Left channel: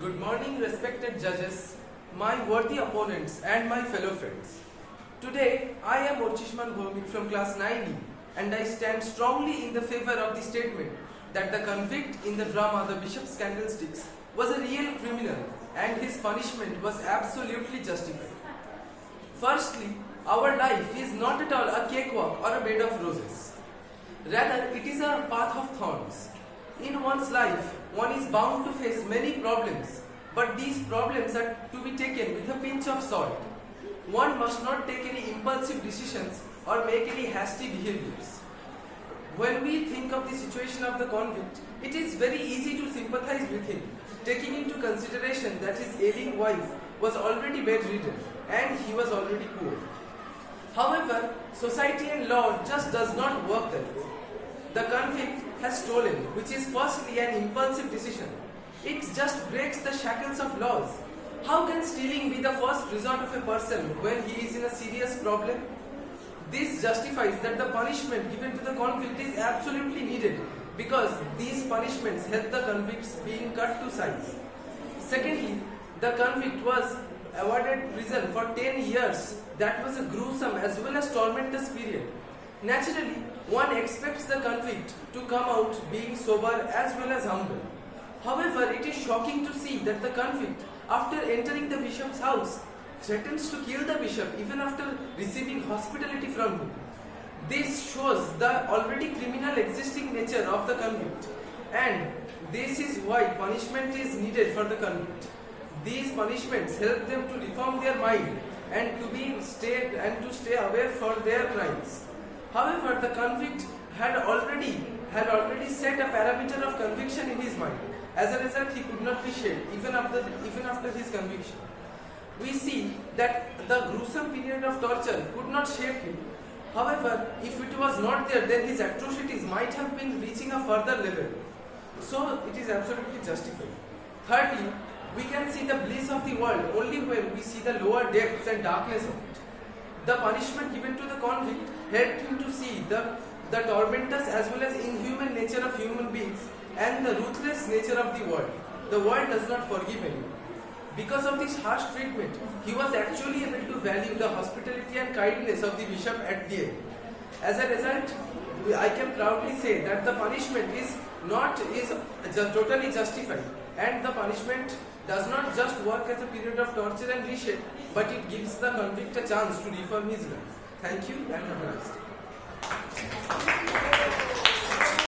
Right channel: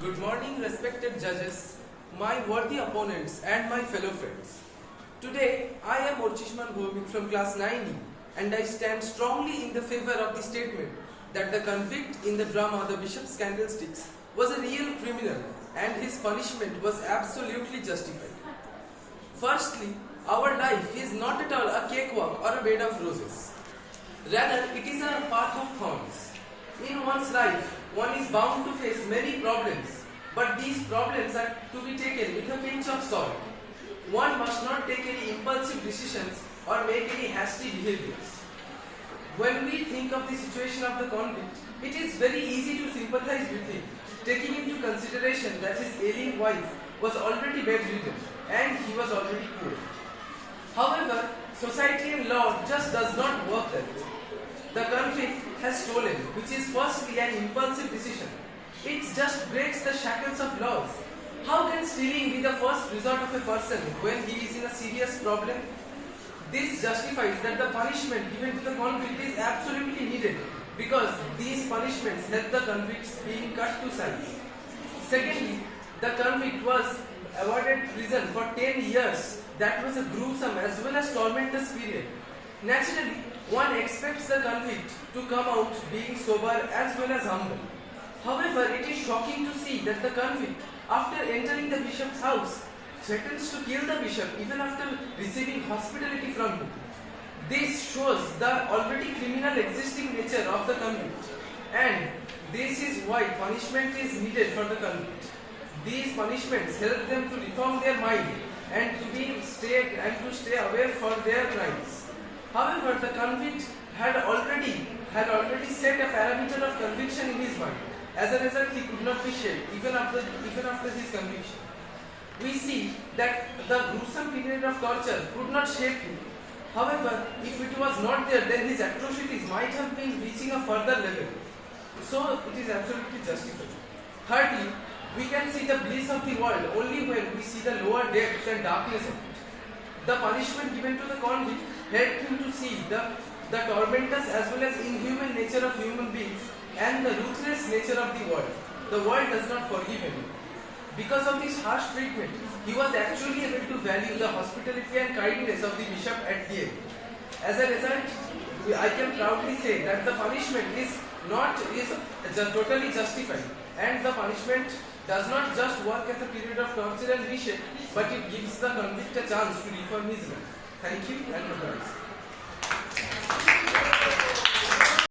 Good morning, respected judges, my worthy opponents, and my fellow friends. Today, I am Orchishman Bhumik from class 9E, and I stand strongly in the favor of the statement that the convict in the drama The Bishop's Candlesticks was a real criminal and his punishment was absolutely justified. Firstly, our life is not at all a cakewalk or a bed of roses. Rather, it is a path of thorns. In one's life, one is bound to face many problems, but these problems are to be taken with a pinch of salt. One must not take any impulsive decisions or make any hasty behaviors. When we think of the situation of the convict, it is very easy to sympathize with him, taking into consideration that his ailing wife was already bedridden and he was already poor. However, society and law just does not work that way. The convict has stolen, which is firstly an impulsive decision. It just breaks the shackles of laws. How can stealing be the first resort of a person when he is in a serious problem? This justifies that the punishment given to the convict is absolutely needed because these punishments help the convicts being cut to size. Secondly, the convict was awarded prison for 10 years. That was a gruesome as well as tormentous period. Naturally, one expects the convict to come out being sober as well as humble. However, it is shocking to see that the convict, after entering the bishop's house, threatens to kill the bishop even after receiving hospitality from him. This shows the already criminal existing nature of the convict, and this is why punishment is needed for the convict. These punishments help them to reform their mind and to stay aware for their crimes. However, the convict had already set a parameter of conviction in his mind. As a result, he could not be shaped even after his conviction. We see that the gruesome period of torture could not shape him. However, if it was not there, then his atrocities might have been reaching a further level. So, it is absolutely justified. Thirdly, we can see the bliss of the world only when we see the lower depths and darkness of it. The punishment given to the convict helped him to see the tormentous as well as inhuman nature of human beings and the ruthless nature of the world. The world does not forgive him. Because of this harsh treatment, he was actually able to value the hospitality and kindness of the bishop at the end. As a result, I can proudly say that the punishment is totally justified, and the punishment does not just work as a period of torture and reshape, but it gives the convict a chance to reform his life. Thank you and advice.